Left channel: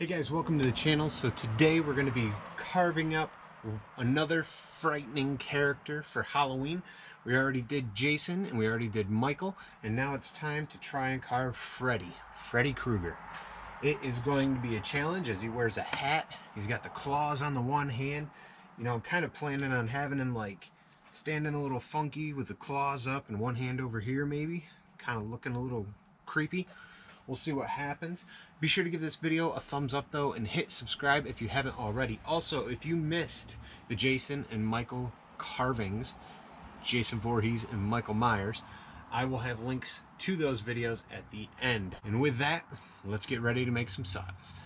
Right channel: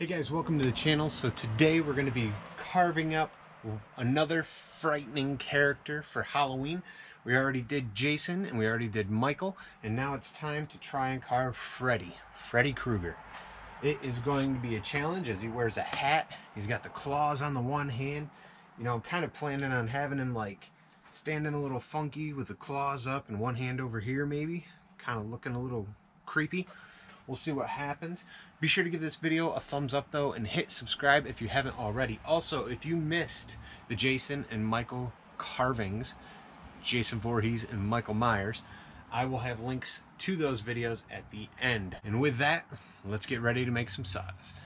Hey guys, welcome to the channel. So today we're going to be carving up another frightening character for Halloween. We already did Jason and we already did Michael, and now it's time to try and carve Freddy Krueger. It is going to be a challenge as he wears a hat. He's got the claws on the one hand. You know, I'm kind of planning on having him like standing a little funky with the claws up and one hand over here maybe. Kind of looking a little creepy. We'll see what happens. Be sure to give this video a thumbs up though and hit subscribe if you haven't already. Also, if you missed the Jason and Michael carvings, Jason Voorhees and Michael Myers, I will have links to those videos at the end. And with that, let's get ready to make some sawdust.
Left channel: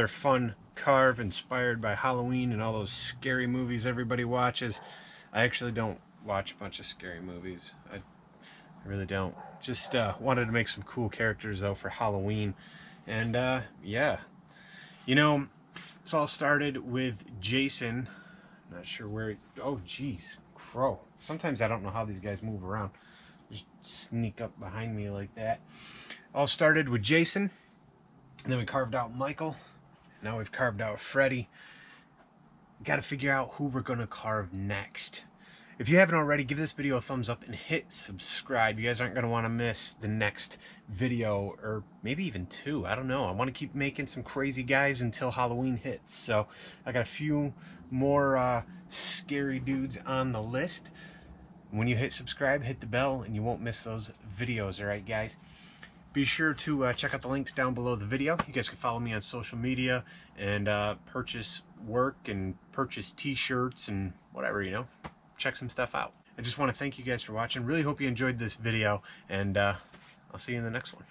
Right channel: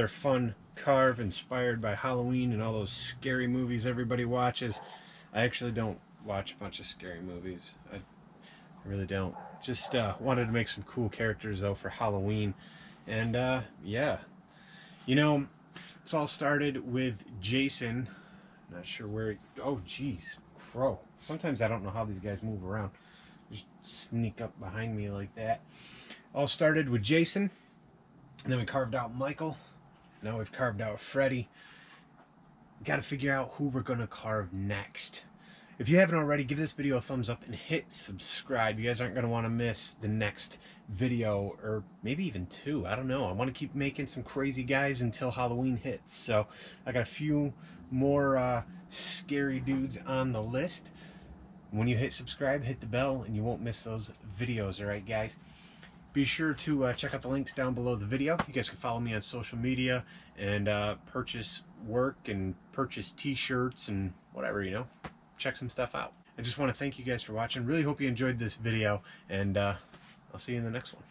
another fun carve inspired by Halloween and all those scary movies everybody watches. I actually don't watch a bunch of scary movies. I really don't. Just wanted to make some cool characters though for Halloween. And yeah, you know, it's all started with Jason. Not sure where. Oh, geez, crow. Sometimes I don't know how these guys move around. Just sneak up behind me like that. All started with Jason, and then we carved out Michael. Now we've carved out Freddy. Got to figure out who we're gonna carve next. If you haven't already, give this video a thumbs up and hit subscribe. You guys aren't going to want to miss the next video, or maybe even two. I don't know. I want to keep making some crazy guys until Halloween hits. So I got a few more scary dudes on the list. When you hit subscribe, hit the bell, and you won't miss those videos. All right, guys? Be sure to check out the links down below the video. You guys can follow me on social media and purchase work and purchase t-shirts and whatever, you know. Check some stuff out. I just want to thank you guys for watching. Really hope you enjoyed this video, and I'll see you in the next one.